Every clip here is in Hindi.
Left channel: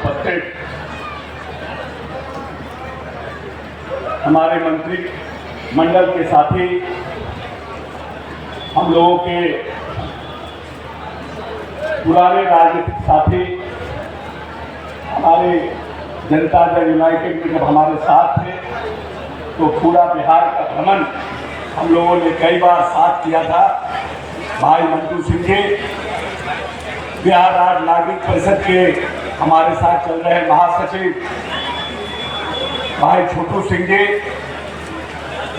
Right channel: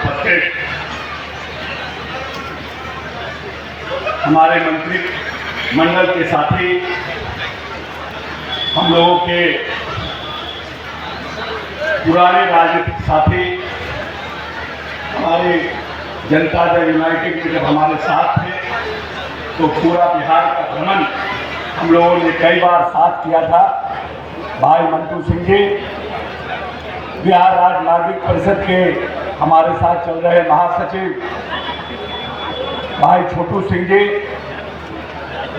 उपस्थित हमारे मंत्री मंडल के साथी, हम लोगों के पुराने राजनीतिक साथी, हमारे जनता दल यूनाइटेड में जब हमारे साथ थे तो पूरा बिहार का भ्रमण हम लोगों ने कई बार साथ किया था। भाई मंटू सिंह जी, बिहार राज्य नागरिक परिषद के हमारे साथ चल रहे महासचिव भाई छोटू सिंह जी,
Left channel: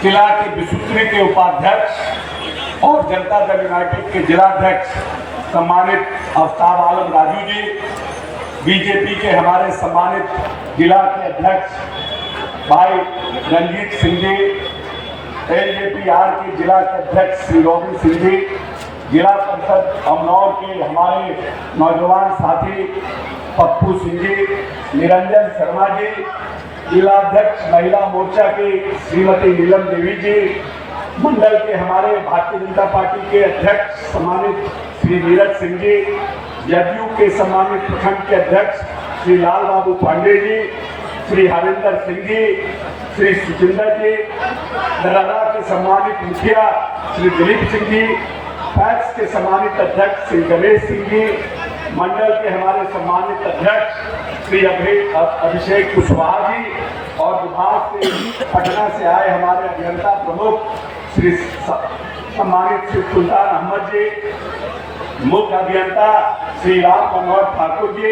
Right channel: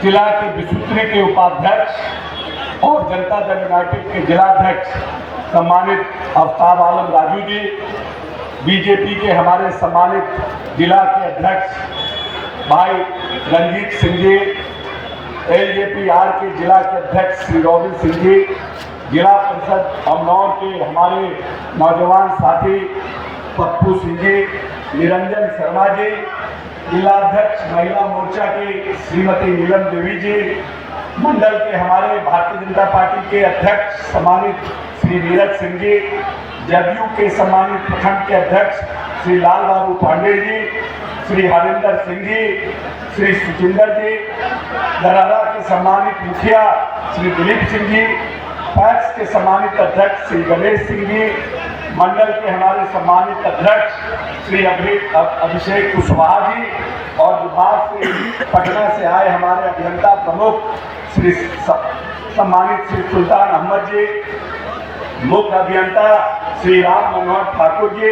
जिला के विसूत्री के उपाध्यक्ष और जनता दल यूनाइटेड के जिलाध्यक्ष सम्मानित आफ्ताब आलम राजू जी, बीजेपी के हमारे सम्मानित जिला के अध्यक्ष भाई रंजीत सिंह जी, एलजेपीआर के जिला के अध्यक्ष श्री रोबिन सिंह जी, जिला परिषद अमनौर के हमारे नौजवान साथी पप्पू सिंह जी, निरंजन शर्मा जी, जिलाध्यक्ष महिला मोर्चा की श्रीमती नीलम देवी जी, मंडल के हमारे भारतीय जनता पार्टी के अध्यक्ष सम्मानित श्री नीरज सिंह जी, जदयू के सम्मानित प्रखंड के अध्यक्ष श्री लाल बाबू पांडे जी, श्री हरिंदर सिंह जी, श्री सुचिंदर जी, दरारा के सम्मानित मुखिया श्री दिलीप सिंह जी, पैक्स के सम्मानित अध्यक्ष श्री गणेश सिंह जी, मंडल के हमारे सम्मानित अध्यक्ष श्री अभिषेक कुशवाहा जी और विभाग से पटना से आए हमारे अभियंता प्रमुख श्री सम्मानित श्री सुल्तान अहमद जी, मुख्य अभियंता श्री राम मनोहर ठाकुर जी,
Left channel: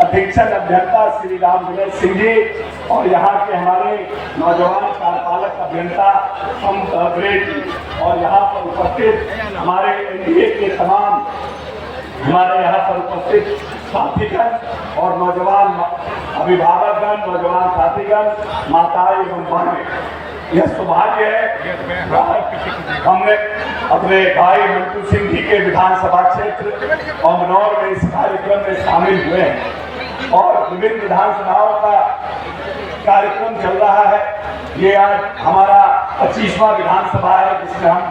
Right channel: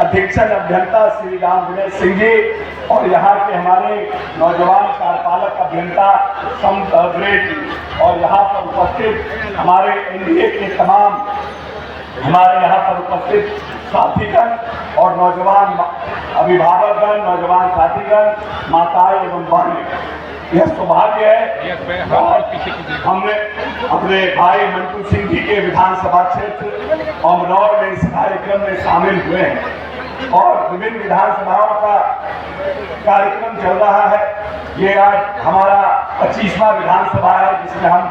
अधीक्षक अभियंता श्री राम विनय सिंह जी और यहाँ के हमारे नौजवान कार्यपालक अभियंता संत अग्रेज जी और यहाँ पर उपस्थित हमारे एनडीए के तमाम हमारे यहाँ पर उपस्थित साथीगण और नौजवान अभिभावकगण, नौजवान साथीगण, माताएं एवं बहनें, यह सौभाग्य है हमने अपने भाई मंटू सिंह जी के विधानसभा क्षेत्र अमनौर में इस कार्यक्रम में शामिल हुए हैं और विभिन्न विधानसभाओं का कार्यक्रम चल रहा है। ये आज हमारा 25वां विधानसभा है जिसमें हम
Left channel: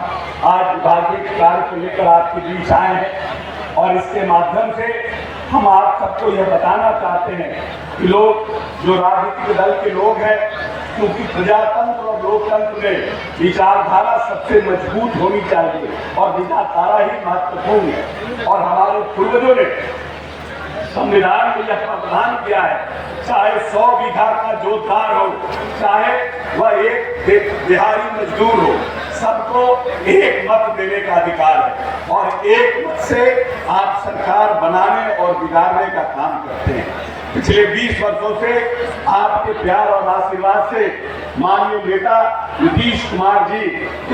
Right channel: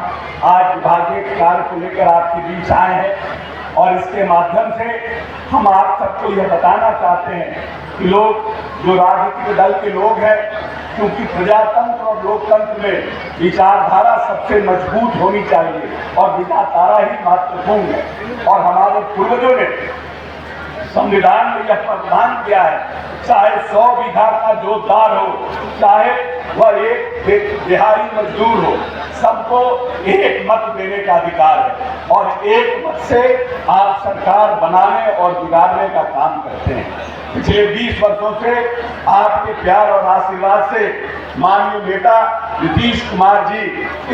आज विभागीय कार्य को लेकर आपके बीच आए हैं और इसके माध्यम से हम आप सबको यह बताना चाहते हैं कि लोग जो राजनीतिक दल के लोग हैं, क्योंकि प्रजातंत्र और लोकतंत्र में विचारधारा सबसे मजबूत होनी चाहिए और विचारधारा ही महत्वपूर्ण है और हमारे पूर्वजों ने संविधान में यह प्रावधान किया है, चाहे 100 बीघा का जोतदार हो, चाहे वह एक बिहारी मजदूर हो, सबको एक मत देने का अधिकार है और एक मत से आप सरकार बनाने और बिगाड़ने का काम करते हैं। पिछले 20 वर्षों से आपके प्यार और आशीर्वाद से माननीय नेता नीतीश कुमार जी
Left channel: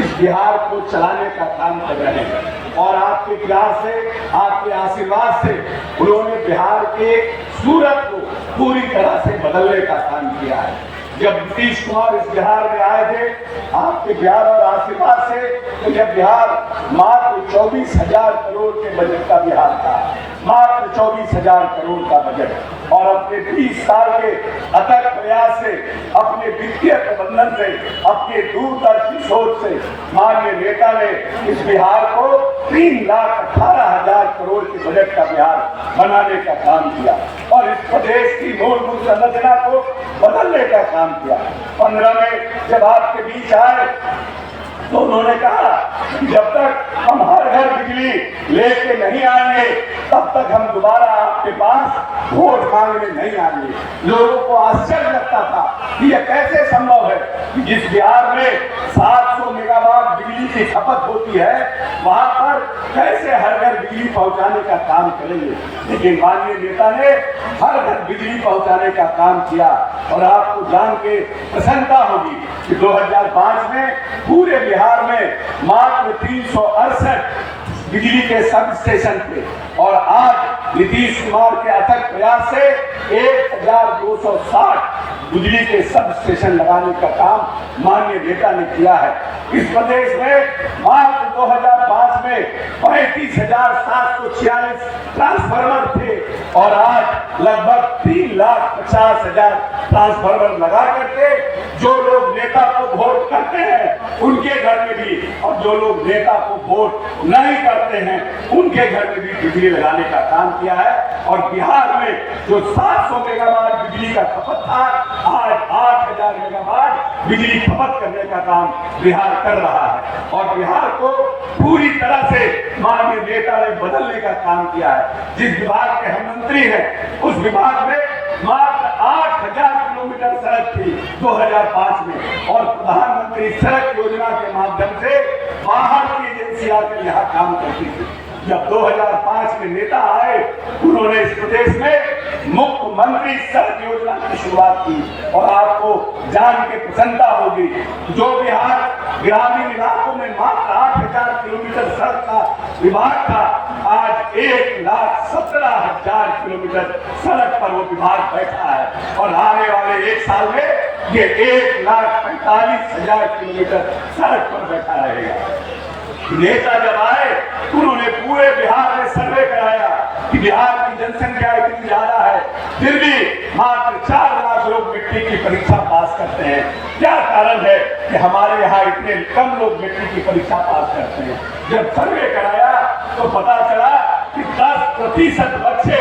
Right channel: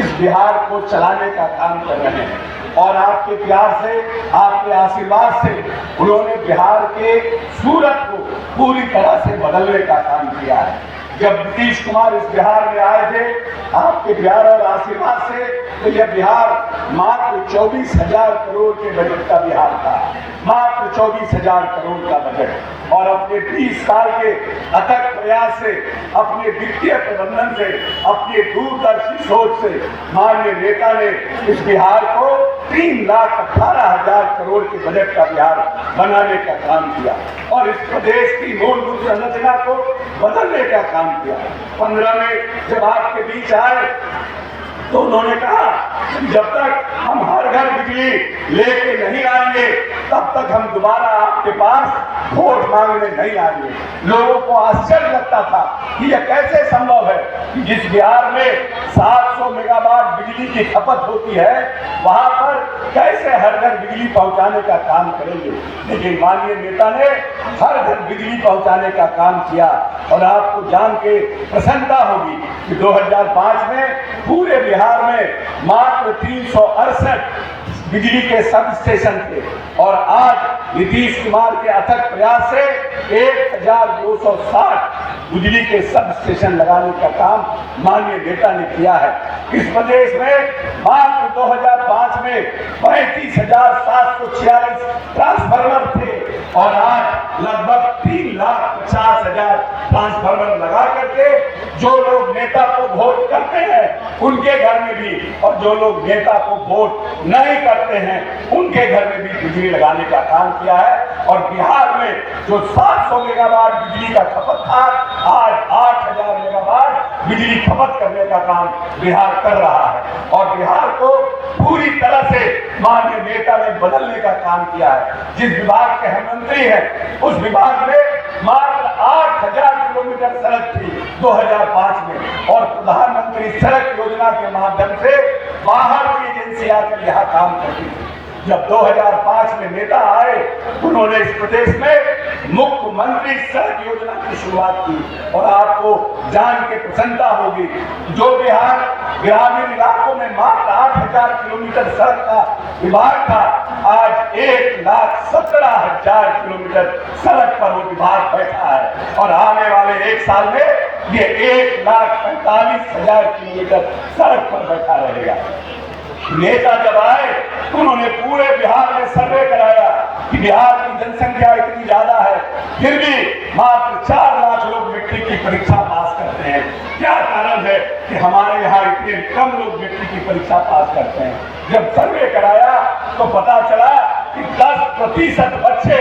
इस बिहार को चलाने का काम कर रहे हैं और आपके प्यार से, आपके आशीर्वाद से उन्होंने बिहार के सूरत को पूरी तरह से बदलने का काम किया है। जब नीतीश कुमार इस बिहार में आए थे आपके प्यार और आशीर्वाद से, तो यह बिहार मात्र 24,000 करोड़ के बजट का बिहार था, मात्र 24,000 करोड़ का बजट और अपने 20 साल के अथक प्रयास से, अपने वित्तीय प्रबंधन से, अपने दूरदर्शी सोच से माननीय नेता ने इस बिहार को 3,18,000 करोड़ के बजट का बिहार बनाने का काम किया और इस प्रदेश की मूलभूत संरचना को बदलने का काम किया। 15 में जब आपके बीच आए तो उन्होंने कहा जब तक हम हर घर बिजली लेके नहीं आएंगे तब तक हम दोबारा आपके पास वोट मांगने नहीं आएंगे। लोगों को आश्चर्य लगता था कि यह कैसे संभव है कि जिस बिहार में 700 मेगावाट बिजली की खपत होती है वहां पर कैसे हर घर बिजली पहुंचाने का काम करेंगे। लेकिन माननीय नेता ने हर घर बिजली पहुंचाने का काम किया और आपको जान के प्रसन्नता होगी कि 2005 में पूरे बिहार में मात्र 368 बिजली के सब स्टेशन थे और आज नीतीश कुमार के अथक प्रयास से 1260 बिजली के सब स्टेशन लगाने का काम माननीय नेता ने किया है। इस प्रदेश में मात्र 2005 में 35,746 ट्रांसफार्मर थे और आज लगभग 3,50,000 ट्रांसफार्मर लगा करके जो लोग नेता को वोट करते हैं उनके घर में भी, और जो लोग नेता को वोट नहीं करते हैं उनके घर में भी बिजली लगाने का काम किया है। और बिहार में जो 700 मेगावाट बिजली का खपत था, आज 8000 मेगावाट बिजली खपत करने का काम बिहार कर रहा है। और बिहार को पूरी तरह से माननीय नेता ने बदलने का काम किया है। जिस विभाग के हम मंत्री हैं उस विभाग में मात्र 8000 किलोमीटर सड़क थी 2005 में, और प्रधानमंत्री सड़क योजना के माध्यम से बाहर की एजेंसी आकर यहाँ काम करती थी। जब 2005 में नेता आए उन्होंने इस प्रदेश में मुख्यमंत्री सड़क योजना की शुरुआत की। और आपको जान के प्रसन्नता होगी, जो बिहार ग्रामीण इलाकों में मात्र 8000 किलोमीटर सड़क का विभाग था, आज 1,17,000 किलोमीटर सड़क पर वो विभाग बैठा है। और आने वाले एक साल में ये 1,45,000 किलोमीटर सड़क पर बैठा रहेगा। नेता जब आए उन्होंने पूरे बिहार में सर्वे कराया कि बिहार की जनसंख्या इतनी ज्यादा है, फिर भी मात्र 4 लाख लोग मिट्टी की परीक्षा पास करते हैं। क्या कारण है कि हमारे यहाँ इतने कम लोग मिट्टी की परीक्षा पास करते हैं? जब सर्वे कराया तो पता चला कि 10% बच्चे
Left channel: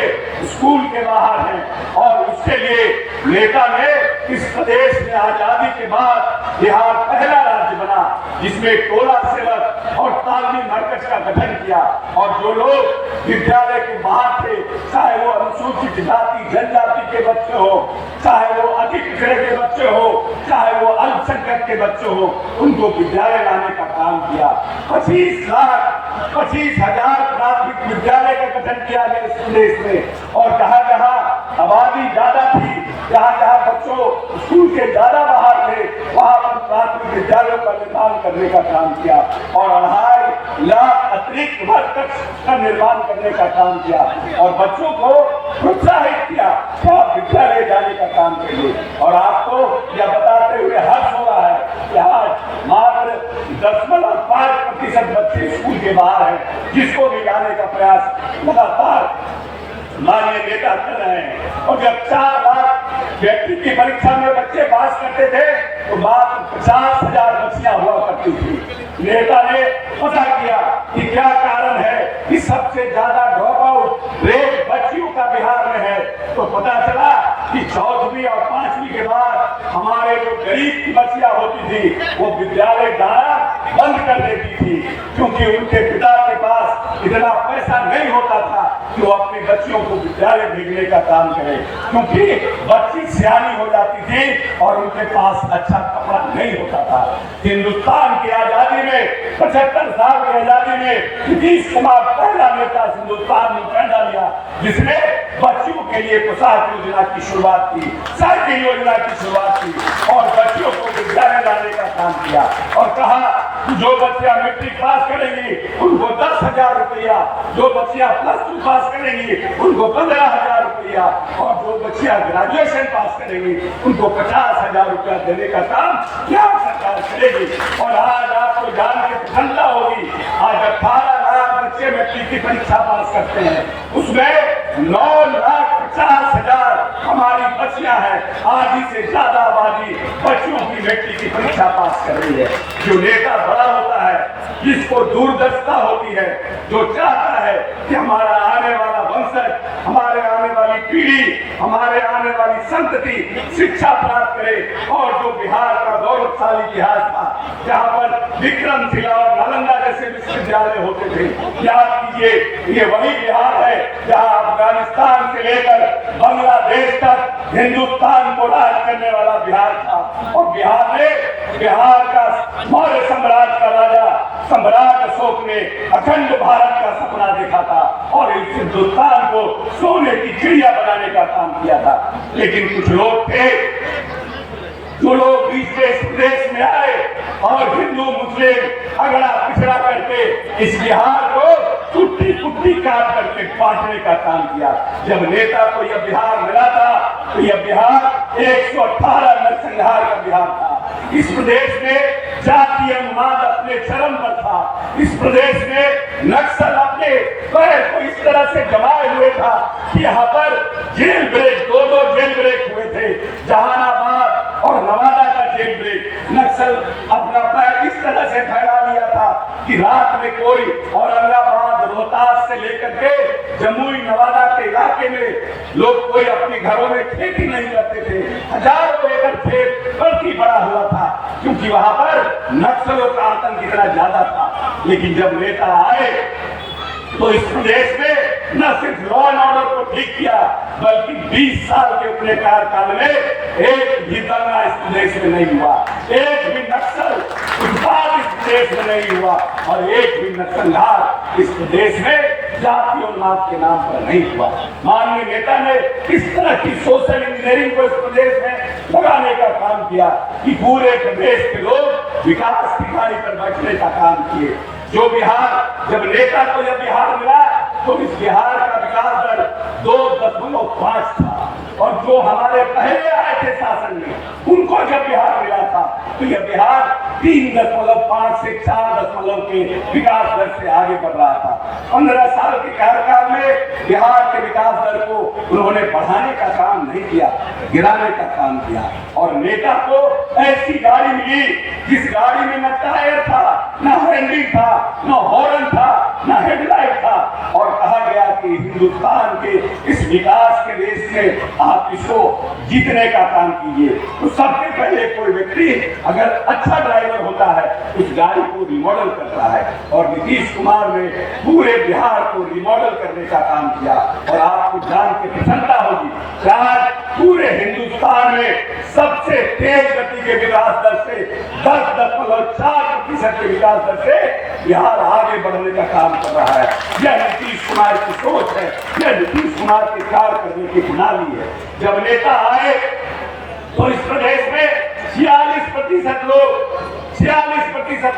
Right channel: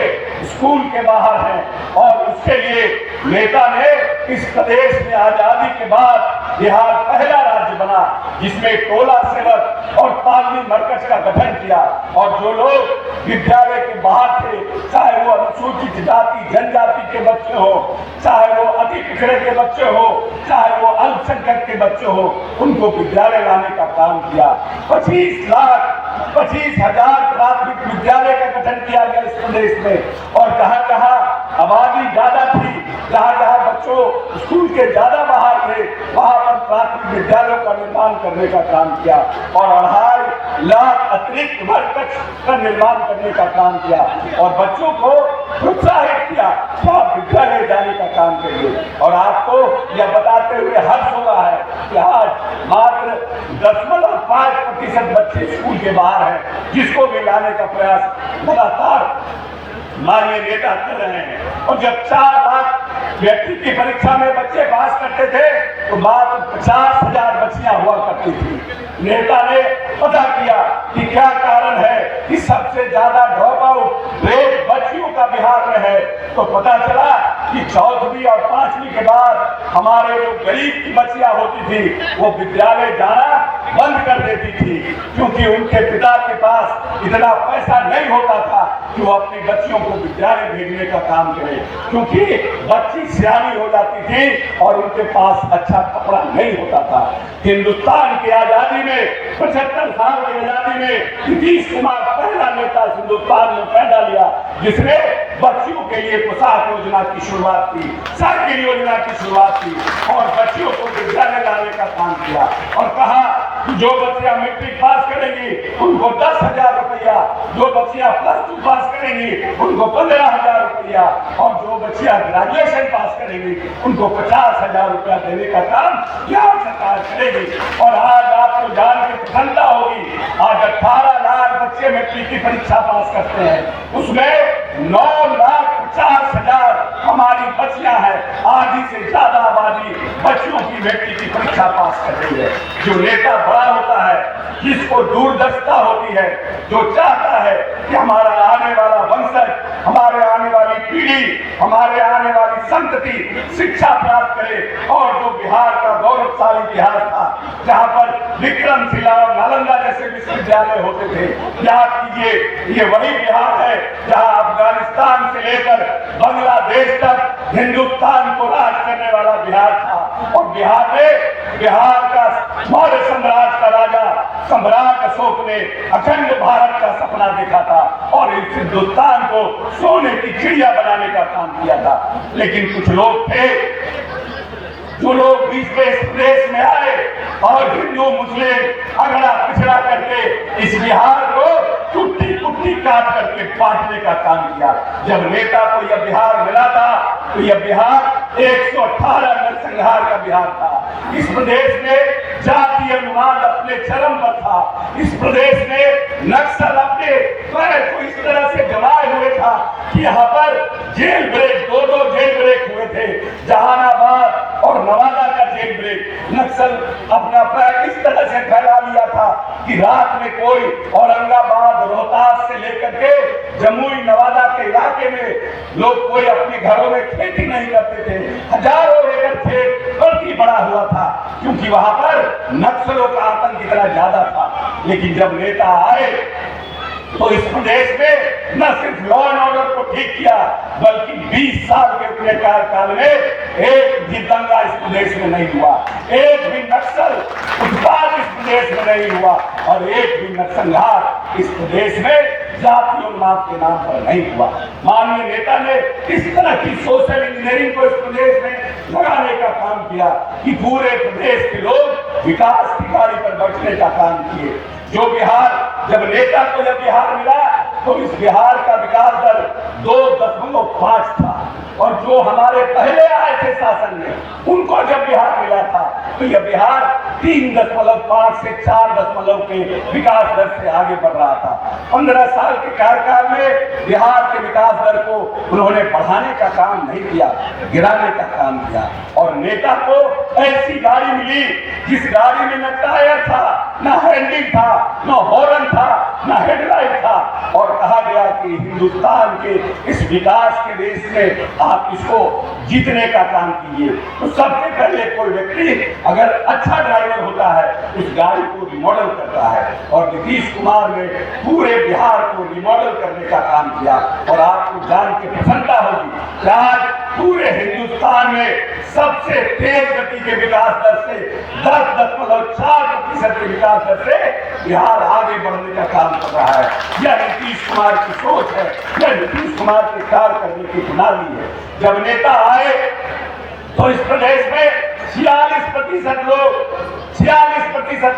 स्कूल के बाहर हैं। और उसके लिए नेता ने इस प्रदेश में आजादी के बाद बिहार पहला राज्य बना जिसमें टोला सेवक और तालमी मरकज का गठन किया। और जो लोग विद्यालय के बाहर थे, चाहे वो अनुसूचित जाति जनजाति के बच्चे हो, चाहे वो अति पिछड़े के बच्चे हो, चाहे वो अल्पसंख्यक के बच्चे हो, उनको विद्यालय लाने का काम किया। 25,00,000 प्राथमिक विद्यालय का गठन किया गया इस प्रदेश में। और जहाँ जहाँ आबादी ज्यादा थी, जहाँ जहाँ बच्चों स्कूल के ज्यादा बाहर थे, वहाँ पर प्राथमिक विद्यालयों का निर्माण करने का काम किया। और 2.5 लाख अतिरिक्त मरकज का निर्माण करने का काम किया। और बच्चों को प्रोत्साहित किया कि आप विद्यालय जाने का काम करिए। और आपको यह बताते हुए हर्ष हो रहा है कि आज मात्र 0.5% बच्चे स्कूल के बाहर हैं, जिसको भी लाने का प्रयास लगातार माननीय नेता कर रहे हैं। और जब 4 लाख व्यक्ति की परीक्षा में बच्चे पास करते थे तो मात्र 50,000 बच्चियां हुआ करती थी। नेता ने पता किया कि क्या कारण है कि सबसे ज्यादा ड्रॉप आउट रेट बच्चियों का बिहार में है। तो पता चला कि 4वीं और 5वीं के बाद हमारे जो गरीब की बच्चियां होती थी वो विद्यालय जाना बंद कर देती थी, क्योंकि उनके पिता के पास इतना पैसा नहीं होता था कि वो अपने बच्चियों को विद्यालय भेजने का काम करे, क्योंकि बच्ची सियानी हो जाती थी और उनके पास अच्छा कपड़ा नहीं होता था। हिंदुस्तान की आजादी में 75 साल की आजादी में नीतीश कुमार पहला नेता हिंदुस्तान में पैदा लिया जिसने बच्चियों के लिए पोशाक योजना की शुरुआत की, साइकिल योजना की शुरुआत की और बच्चियों को विद्यालय लाने का काम किया। और कहा जो बच्चियां मैट्रिक पास करेंगी उनको 10,000 रुपया, जो बच्चियां +2 पास करेंगी उनको 15,000 रुपया, और जो बच्चियां ग्रेजुएशन पास करेंगी उनको 50,000 रुपया देने का काम क्या सरकार करेगी। और आज आपको जान के प्रसन्नता होगी, आज 18 लाख बच्चे मैट्रिक की परीक्षा पास करते हैं, उसमें 9,50,000 हमारी बच्चियां हैं। आधी से ज्यादा आबादी बच्चियों की मैट्रिक की परीक्षा पास कर रही है। जो नेता बड़ा होता है, जिसको दूरदर्शिता होती है, जो चाहता है कि हमारा आने वाला वंशज, हमारे आने वाली पीढ़ी, हमारे आने वाली संतति शिक्षा प्राप्त करे। और जो बिहार का गौरवशाली इतिहास था, जहाँ पर विक्रमशिला और नालंदा जैसे विश्वविद्यालय होते थे, याद कीजिए ये वही बिहार है जहाँ अफगानिस्तान से लेकर बांग्लादेश तक हिंदुस्तान को राज करने वाला बिहार था। और बिहार का मौर्य साम्राज्य का राजा सम्राट अशोक ने अखंड भारत का सपना देखा था और इस हिंदुस्तान को सोने की चिड़िया बनाने का काम किया था। लेकिन कुछ लोग थे जो लोग बीच में इस प्रदेश में आए और हिंदू मुस्लिम अगड़ा पिछड़ा करके इस बिहार को कुट्टी कुट्टी काट करके बांटने का काम किया। जब नेता को यह बिहार मिला था तो यह बिहार 118 नरसंहार का बिहार था। इस प्रदेश में जातीय अनुवाद अपने चरम पर था। इस प्रदेश में नक्सल अपने पैर को इस तरह से जमाए हुए था कि यहाँ पर जेल ब्रेक, 2 जेल ब्रेक हुए थे, जहानाबाद और नवादा का जेल ब्रेक। नक्सल अपना पैर इस तरह ऐसे फैला लिया था कि रात में कोई औरंगाबाद रोहतास से लेकर के जमुई नवादा के इलाके में लोग कोई अपने घरों में खेती नहीं करते थे। हजारों एकड़ खेत बल्कि बड़ा हुआ था, क्योंकि वहां पर नक्सलों का आतंक इतना ज्यादा था। लेकिन जब नेता आए तो इस प्रदेश में न सिर्फ लॉ एंड ऑर्डर को ठीक किया, बल्कि 20 साल के अपने कार्यकाल में एक भी दंगा इस प्रदेश में नहीं हुआ, एक भी नक्सल उत्पाद इस प्रदेश में नहीं हुआ, और एक भी नक्सलवाद इस प्रदेश में जाति और नाम के नाम पर नहीं हुआ। माननीय नेता ने इस तरह की सोशल इंजीनियरिंग को इस प्रदेश में लगाने का काम किया कि पूरे प्रदेश के लोग विकास की गाड़ी पर बैठने का काम किए। जो बिहार, जब नेता को जब बिहार मिला तो इस बिहार का विकास दर 2.5 था, और जो हमारे पहले आए थे शासन में उनको जब बिहार मिला था तो यह बिहार 3.5 से 4 के विकास दर से आगे बढ़ रहा था। 15 साल के कार्यकाल में बिहार के विकास दर को उन्होंने बढ़ाने का काम नहीं किया, गिराने का काम किया। और नेता को ऐसी गाड़ी मिली जिस गाड़ी में न टायर था, न हैंडल था, न हॉर्न था, न हेडलाइट था, और कहा गया कि हिंदुस्तान के इस विकास के देश में आप इसको जीतने का काम कीजिए। तो सबसे पहले कोई व्यक्ति अगर अच्छा ड्राइवर होता है उस गाड़ी को रिमॉडल करता है, और नीतीश कुमार ने पूरे बिहार को रिमॉडल करने का काम किया। और आपको जान के प्रसन्नता होगी कि आज पूरे हिंदुस्तान में सबसे तेज गति के विकास दर से 10.4% के विकास दर से बिहार आगे बढ़ने का काम कर रहा है। यह नीतीश कुमार की सोच है, यह नीतीश कुमार के कार्य करने की प्रणाली है। जब नेता आए तो इस प्रदेश में 46%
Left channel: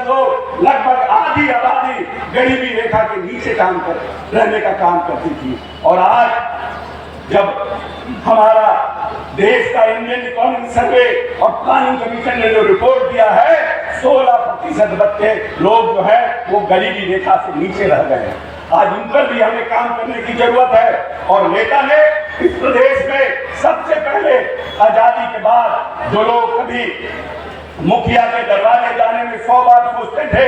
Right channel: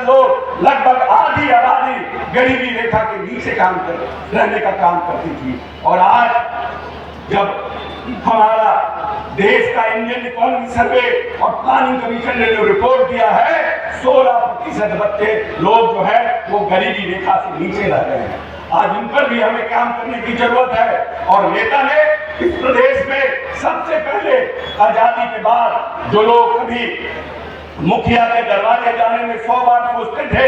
लोग लगभग आधी आबादी गरीबी रेखा के नीचे रहने का काम करती थी। और आज जब हमारा देश का इंडियन इकोनॉमिक सर्वे और प्लानिंग कमीशन ने जो रिपोर्ट दिया है, 16% बच्चे लोग जो है वो गरीबी रेखा से नीचे रह गए हैं। आज इन पर भी हमें काम करने की जरूरत है। और नेता ने इस प्रदेश में सबसे पहले आजादी के बाद जो लोग कभी मुखिया के दरबारे जाने में 100 बार सोचते थे,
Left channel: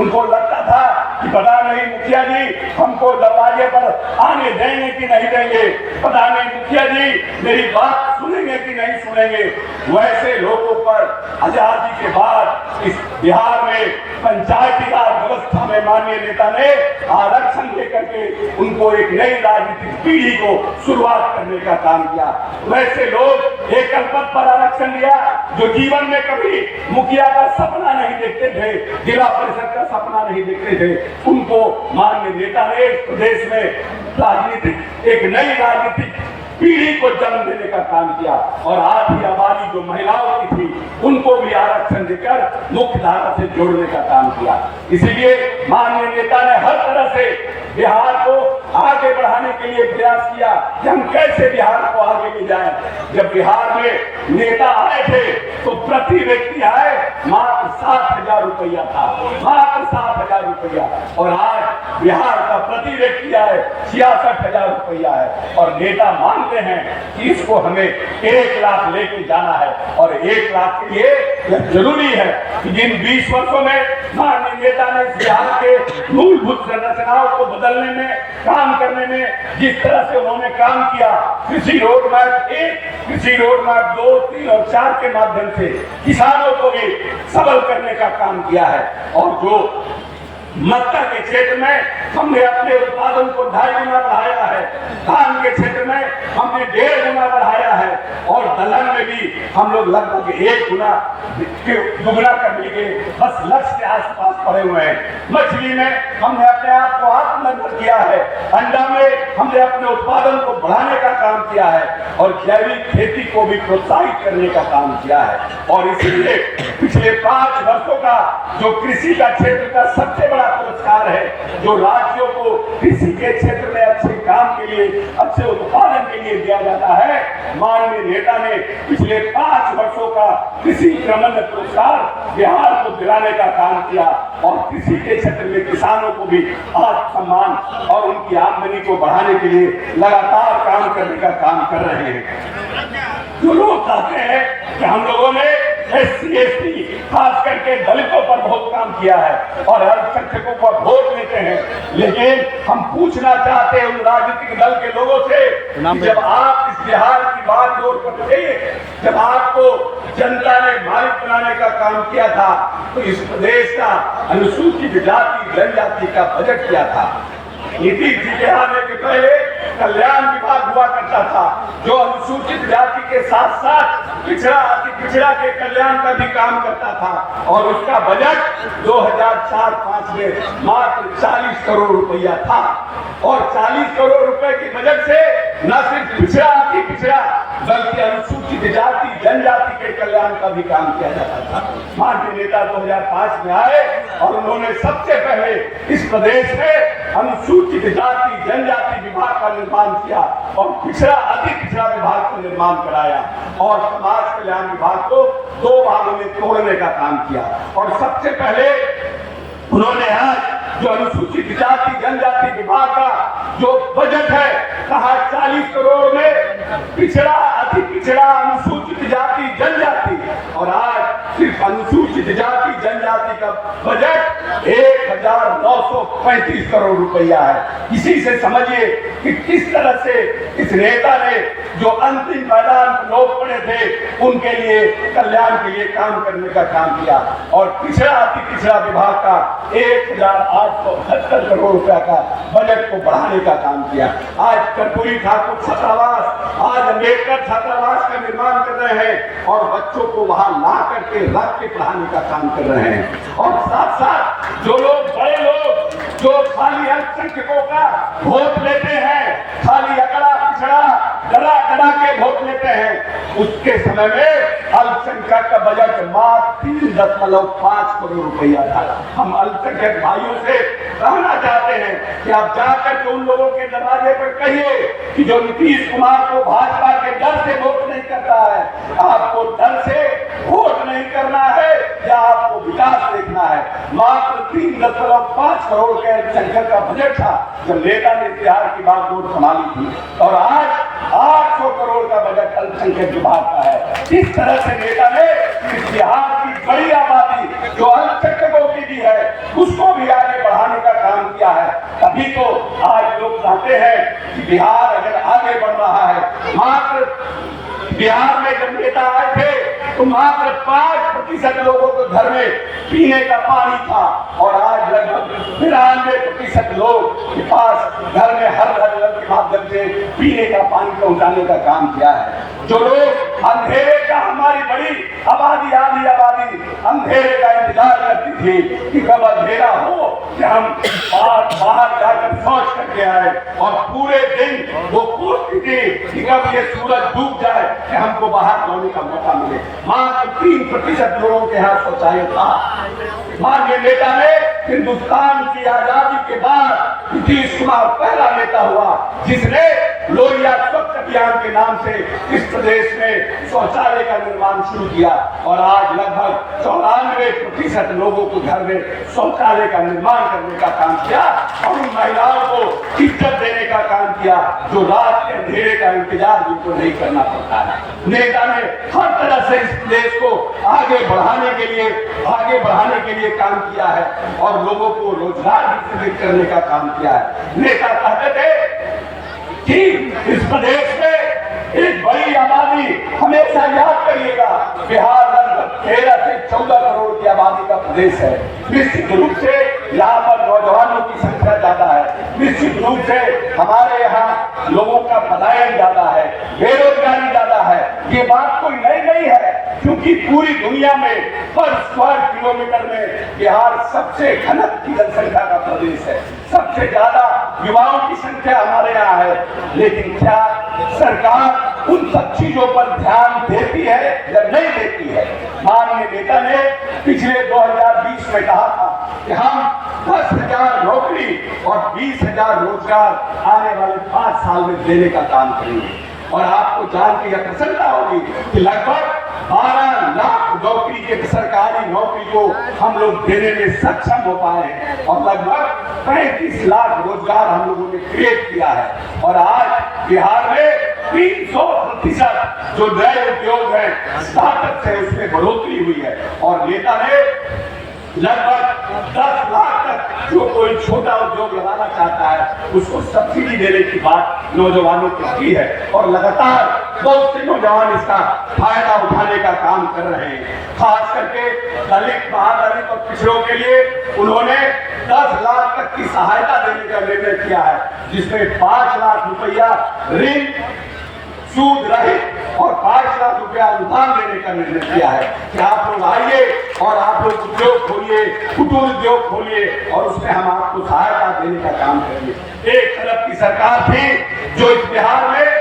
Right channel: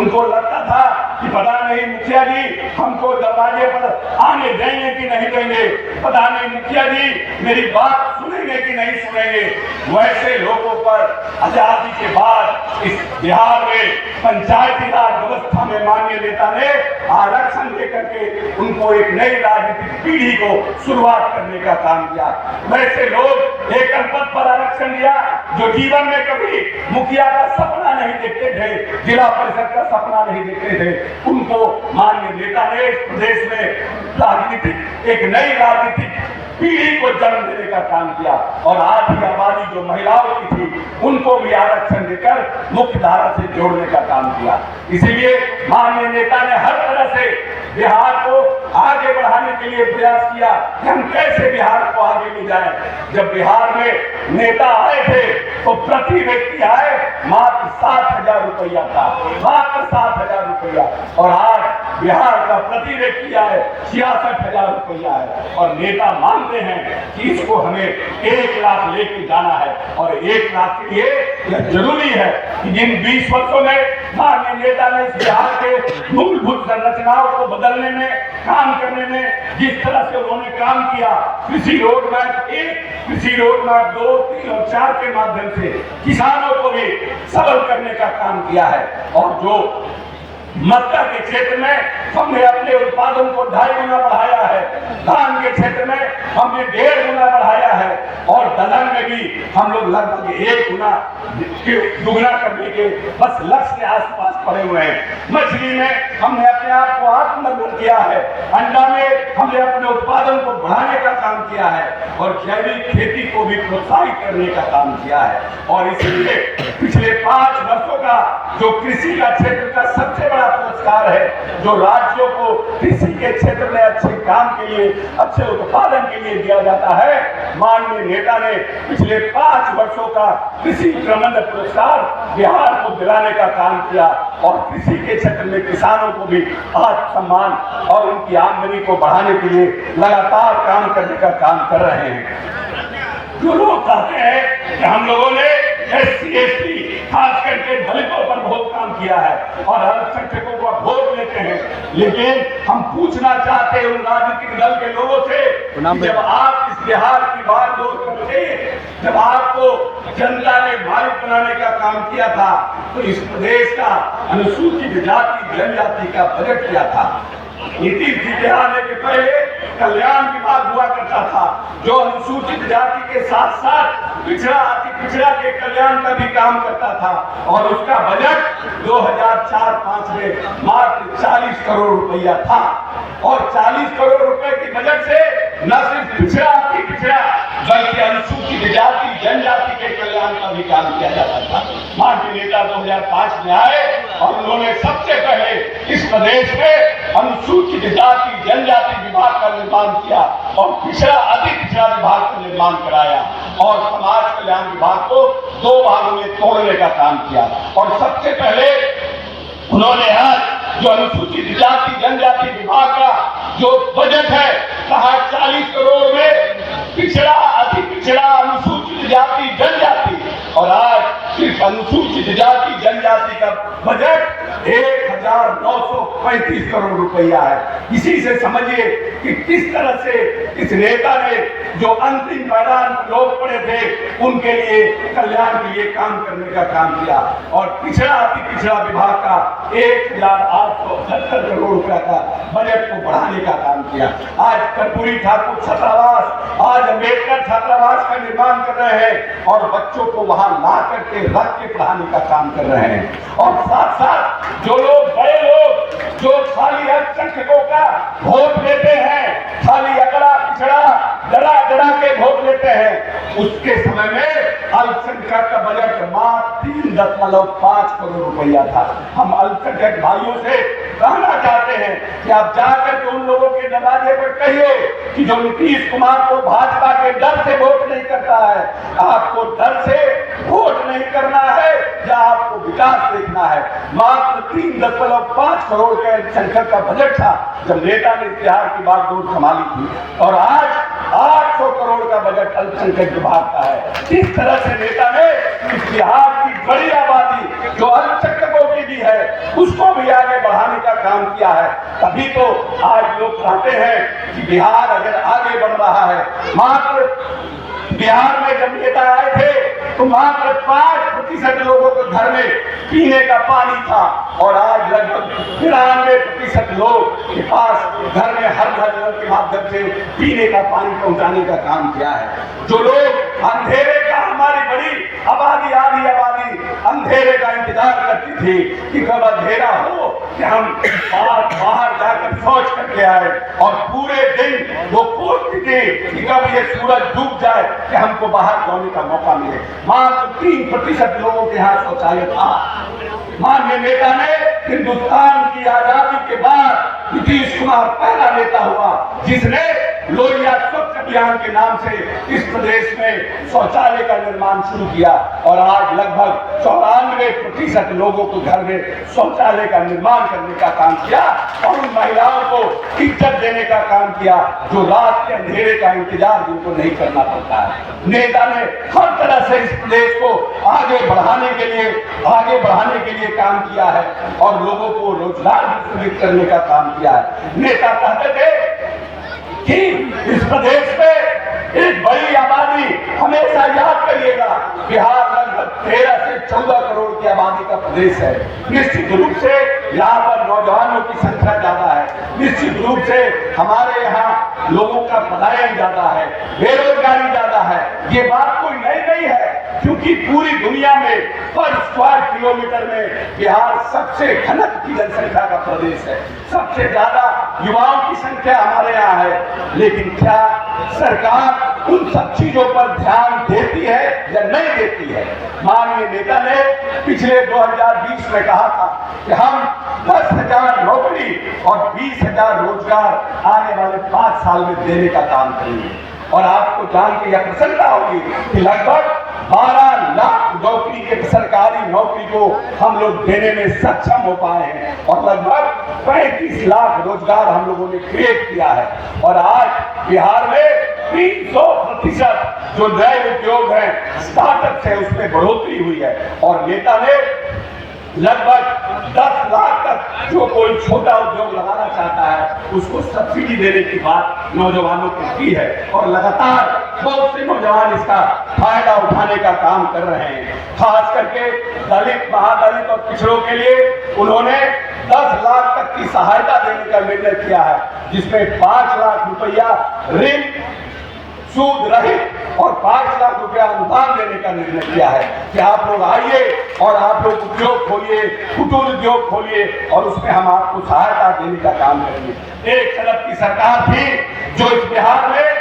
उनको लगता था कि पता नहीं मुखिया जी हमको दरवाजे पर आने देंगे कि नहीं देंगे, पता नहीं मुखिया जी मेरी बात सुनेंगे कि नहीं सुनेंगे। वैसे लोगों पर आजादी के बाद इस बिहार में पंचायती राज व्यवस्था में माननीय नेता ने आरक्षण देकर के उनको एक नई राजनीतिक पीढ़ी को शुरुआत करने का काम किया। वैसे लोग एकल पद पर आरक्षण लिया जो जीवन में कभी मुखिया का सपना नहीं देखते थे, जिला परिषद का सपना नहीं देखते थे, उनको माननीय नेता ने इस प्रदेश में राजनीतिक एक नई राजनीतिक पीढ़ी को जन्म देने का काम किया। और आधी आबादी जो महिलाओं की थी उनको भी आरक्षण देकर मुख्य धारा से जोड़ने का काम किया। इसीलिए माननीय नेता ने हर तरह से बिहार को आगे बढ़ाने के लिए प्रयास किया कि हम कैसे बिहार को आगे ले जाएं। जब बिहार में नेता आए थे तो प्रति व्यक्ति आए मात्र 7,000 रुपया था, मात्र 7,000 रुपया। और आज बिहार का प्रति व्यक्ति आए 66,000 रुपया है। और नेता मानते हैं कि इसको हमें 1 लाख लेके जाना है। और 1 लाख के लिए यह जरूरी है कि जिन 20 वर्षों में माननीय नेता ने बिहार के मूलभूत संरचनाओं को बदलने में, काम करने में जिस तरह से उन्होंने काम किया, कृषि रोड मैप 1, कृषि रोड मैप 2, 3 और 4 के माध्यम से किसानों को भी सबल करने का काम किया है। और जो मक्का के क्षेत्र में हमने अपने उत्पादन को 2.5 गुना बढ़ाया है, धान के क्षेत्र में हमने 1.5 गुना बढ़ाया है, और दलहन में भी हम लोग लगभग 1 गुना दुगना करने के बस लक्ष्य के आसपास पड़े हुए हैं। मछली में हमने अपने आप को आत्मनिर्भर किया है, अंडा में हमने अपने उत्पादन को बढ़ाने का काम किया है, और जैविक खेती को भी प्रोत्साहित करने का काम किया है। और इसलिए पिछले 5 वर्षों का जो कृषि का क्षेत्र का सबसे बड़ा पुरस्कार है, जो राज्यों को कृषि के क्षेत्र में अच्छे काम के लिए, अच्छे उत्पादन के लिए दिया जाता है, माननीय नेता ने पिछले 5 वर्षों का कृषि क्रमण्य पुरस्कार बिहार को दिलाने का काम किया। और कृषि के क्षेत्र में किसानों को भी आत्मसम्मान और उनकी आमदनी को बढ़ाने के लिए लगातार काम करने का काम कर रहे हैं। जो लोग कहते हैं कि हम लोगों ने SC ST खास करके दलितों पर बहुत काम किया है और अल्पसंख्यकों को वोट लेते हैं। लेकिन हम पूछना चाहते हैं उन राजनीतिक दल के लोगों से कि जब आप इस बिहार की बागडोर करते, जब आपको जनता ने मालिक बनाने का काम किया था, तो इस प्रदेश का अनुसूचित जाति जनजाति का बजट किया था। नीतीश जी के आने के पहले कल्याण विभाग हुआ करता था, जो अनुसूचित जाति के साथ साथ पिछड़ा अति पिछड़ा के कल्याण का भी काम करता था और उसका बजट 2004-05 में मात्र 40 करोड़ रुपया था। और 40 करोड़ रुपए के बजट से न सिर्फ पिछड़ा अति पिछड़ा बल्कि अनुसूचित जाति जनजाति के कल्याण का भी काम किया जाता था। माननीय नेता 2005 में आए और उन्होंने सबसे पहले इस प्रदेश में अनुसूचित जाति जनजाति विभाग का निर्माण किया और पिछड़ा अति पिछड़ा विभाग का निर्माण कराया और समाज कल्याण विभाग को 2 भागों में तोड़ने का काम किया। और सबसे पहले उन्होंने आज जो अनुसूचित जाति जनजाति विभाग का जो बजट है कहा 40 करोड़ में पिछड़ा अति पिछड़ा अनुसूचित जाति जनजाति, और आज सिर्फ अनुसूचित जाति जनजाति का बजट 1935 करोड़ रुपया है। इसी से समझिए कि किस तरह से इस नेता ने जो अंतिम मैदान लोग पड़े थे उनके लिए कल्याण के लिए काम करने का काम किया और पिछड़ा अति पिछड़ा विभाग का 1870 करोड़ रुपया का बजट को बढ़ाने का काम किया। आज कर्पूरी ठाकुर छात्रावास, आज अम्बेडकर छात्रावास का निर्माण कर रहे हैं और बच्चों को वहां ला करके रख के पढ़ाने का काम कर रहे हैं। और साथ साथ जो लोग बड़े लोग जो खाली अल्पसंख्यकों का वोट लेते हैं, खाली अकड़ा पिछड़ा डरा के वोट लेते हैं, उसके समय में अल्पसंख्यक का बजट मात्र 3.5 करोड़ रुपया था। हम अल्पसंख्यक भाइयों से कहना चाहते हैं कि आप जाकर के उन लोगों के दरवाजे पर कहिए कि जो नीतीश कुमार को भाजपा के डर से वोट नहीं करता है, आपको डर से वोट नहीं करना है या आपको विकास देखना है। मात्र 3.5 करोड़ के अल्पसंख्यक का बजट था जब नेता ने बिहार की बागडोर संभाली थी और आज 800 करोड़ का बजट अल्पसंख्यक विभाग का है। इस तरह से नेता ने इस बिहार की बड़ी आबादी जो अल्पसंख्यकों की भी है उसको भी आगे बढ़ाने का काम किया है। तभी तो आज लोग कहते हैं कि बिहार अगर आगे बढ़ रहा है। मात्र बिहार में जब नेता आए थे तो मात्र 5% लोगों के घर में पीने का पानी था और आज लगभग 93% लोग के पास घर में हर घर के माध्यम से पीने का पानी पहुंचाने का काम किया है। जो लोग अंधेरे का, हमारी बड़ी आबादी आधी आबादी अंधेरे का इंतजार करती थी कि कब अंधेरा हो कि हम बाहर जाकर सोच करके आए और पूरे दिन वो पूछती थी कि कब ये सूरज डूब जाए कि हमको बाहर जाने का मौका मिले। मात्र 3% लोगों के यहाँ शौचालय था। माननीय नेता ने हिंदुस्तान की आजादी के बाद नीतीश कुमार पहला नेता हुआ जिसने लोहिया स्वच्छ अभियान के नाम से इस प्रदेश में शौचालय का निर्माण शुरू किया और आज लगभग 94% लोगों को घर में शौचालय का निर्माण करने का काम किया और उन महिलाओं को इज्जत देने का काम किया जो रात के अंधेरे का इंतजार जिनको नहीं करना पड़ता है। नेता ने हर तरह से इस प्रदेश को आगे बढ़ाने के लिए काम किया है और लोगों को रोजगार वितरित करने का काम किया है। नेता कहते थे कि इस प्रदेश में एक बड़ी आबादी, हमेशा याद करिएगा, बिहार लगभग 13 से 14 करोड़ की आबादी का प्रदेश है। निश्चित रूप से यहाँ पर नौजवानों की संख्या ज्यादा है, निश्चित रूप से हमारे यहाँ लोगों का पलायन ज्यादा है, बेरोजगारी ज्यादा है। ये बात कोई नई नहीं है क्योंकि पूरी दुनिया में पर स्क्वायर किलोमीटर में बिहार सबसे घनत्व की जनसंख्या का प्रदेश है, सबसे ज्यादा युवाओं की संख्या हमारे यहाँ है। लेकिन क्या सरकार उन सब चीजों पर ध्यान देती है या नहीं देती है? माननीय नेता ने पिछले 2020 में कहा था कि हम 10,000 नौकरी और 20,000 रोजगार आने वाले 5 साल में देने का काम करेंगे। और आपको जान के यह प्रसन्नता होगी कि लगभग 12 लाख नौकरी के सरकारी नौकरी को हम लोग देने में सक्षम हो पाए हैं और लगभग 35 लाख रोजगार हम लोगों ने क्रिएट किया है। और आज बिहार में 300% जो नए उद्योग है, स्टार्टअप है, उसमें बढ़ोतरी हुई है। और नेता ने लगभग 10 लाख तक जो कोई छोटा उद्योग लगाना चाहता है उसको सब्सिडी देने की बात नौजवानों को की है। और लगातार बहुत से नौजवान इसका फायदा उठाने का काम कर रहे हैं। खास करके दलित, महादलित और पिछड़ों के लिए उन्होंने 10 लाख तक की सहायता देने का निर्णय किया है, जिसमें 5 लाख रुपया ऋण सूद रहित और 5 लाख रुपया अनुदान देने का निर्णय किया है कि आप लोग आइए और आप लोग उद्योग खोलिए, कुटीर उद्योग खोलिए और उसमें हम आपको सहायता देने का काम करेंगे। एक तरफ की सरकार थी जो इस बिहार में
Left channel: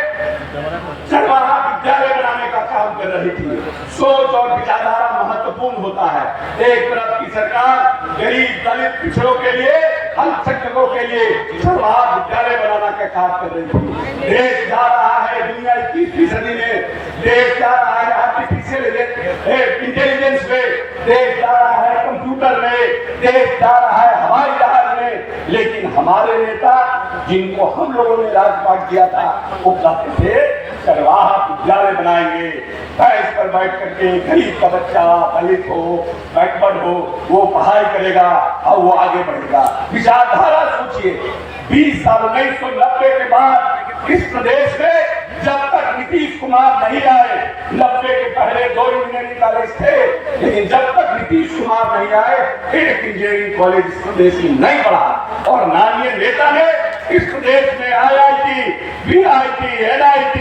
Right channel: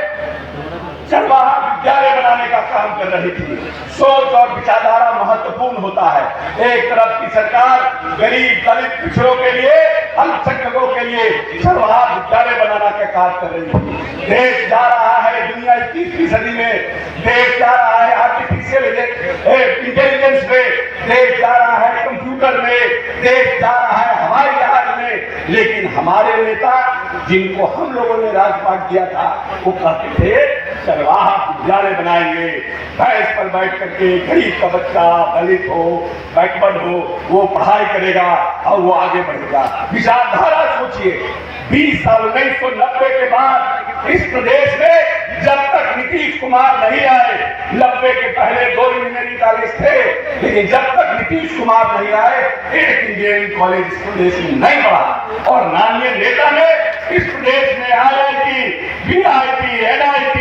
चरवाहा विद्यालय बनाने का काम कर रही थी। सोच और विचारधारा महत्वपूर्ण होता है। एक तरफ की सरकार गरीब, दलित, पिछड़ों के लिए, अल्पसंख्यकों के लिए चरवाहा विद्यालय बनाने का काम कर रही थी। देश जा रहा है दुनिया 21वीं सदी में, देश जा रहा है आर्टिफिशियल इंटेलिजेंस में, देश जा रहा है कंप्यूटर में, देश जा रहा है हवाई जहाज में। लेकिन हमारे नेता जिनको हम लोगों ने राजपाट दिया था वो कहते थे चरवाहा विद्यालय बनाएंगे, भैंस पर बैठ करके गरीब का बच्चा, दलित हो, बैकवर्ड हो, वो पढ़ाई करेगा और वो आगे बढ़ेगा। विचारधारा सोचिए, 20 साल 1990 के बाद इस प्रदेश में जब तक नीतीश कुमार नहीं आए, 90 के पहले 2 इंजीनियरिंग कॉलेज थे, लेकिन जब तक नीतीश कुमार नहीं आए एक इंजीनियरिंग कॉलेज इस प्रदेश में नहीं बढ़ा। और माननीय नेता ने इस प्रदेश में IIT, BIT, NIT